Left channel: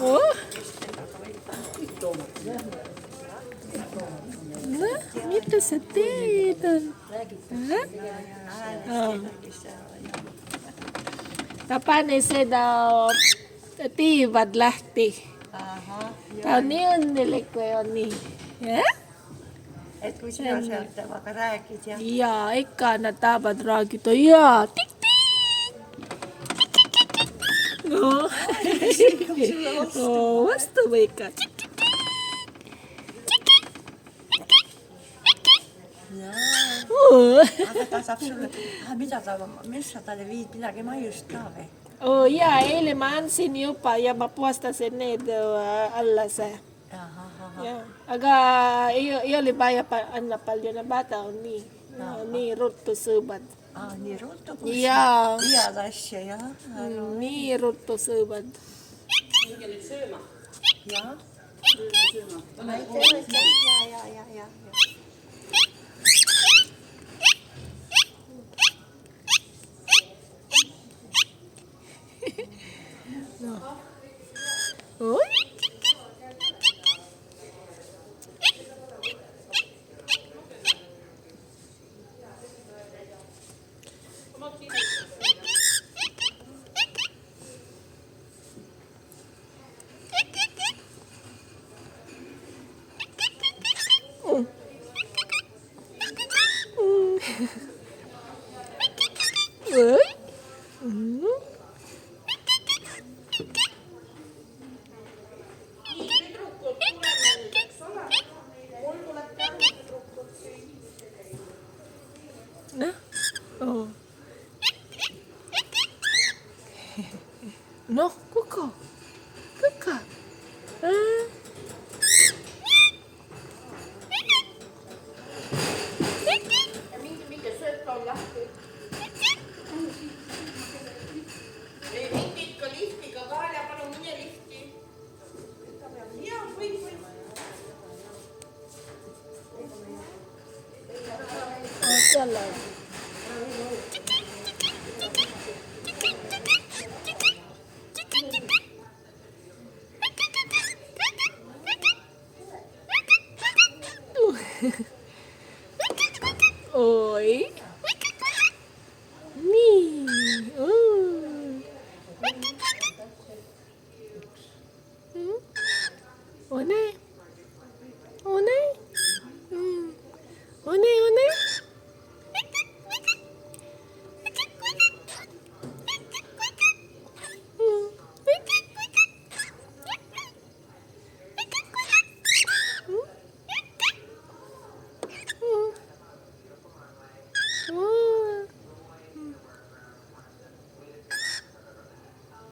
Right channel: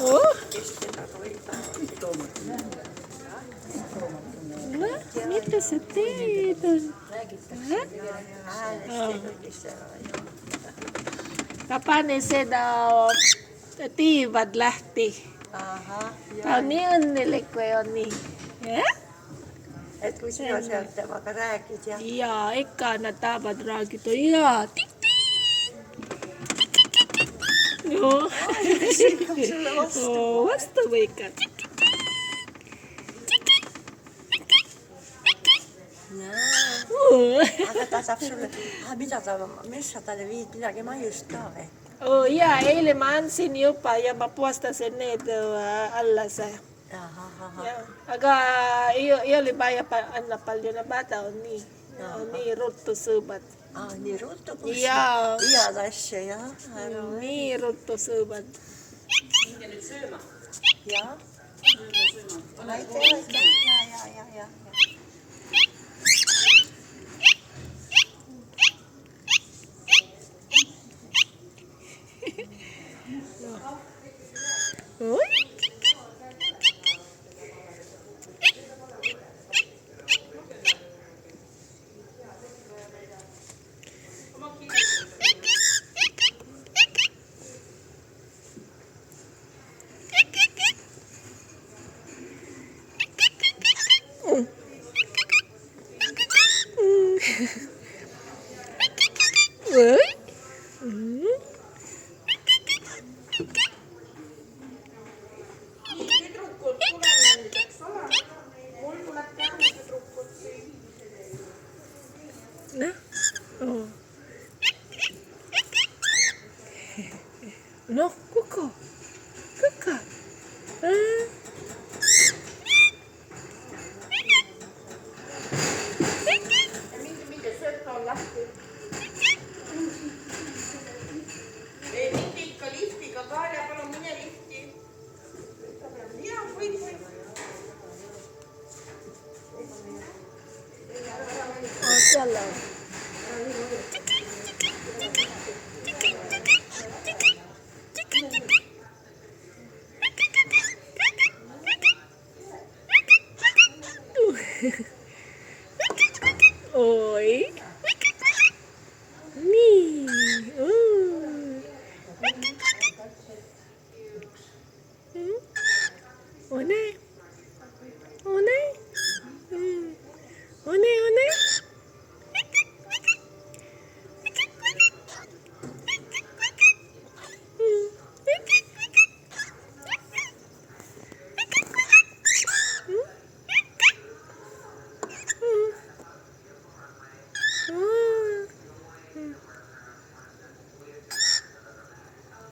Oh, mitä sä teet? Tapani seda tiivad lähti. Ta on nii õnnelik, kui on nii. Et kui sina sealt temaga räägid ja... Jaa, ikka nad tahavad räägida. Jaa, no. Vastu või ikka. Aga ta saab sulle... Mis sa talle viid midagi maiust ka või? Jaa, eile ma andsin juba ja ma puhastasin need alles. Aga ei ole vaja anda palju, ne bata on nii ruttu sõõbad. Nii ruttu kus? Jaa. Head asju, jah. Nii ruttu sõõbad. Minge nüüd sööma. Jah. Ma ei tea, ja. No, Coco. CaCa. Minge sealt on lahti. Ei, mind ikka liftiga ka ja palun mine lifti. Jaa, või. Siellä.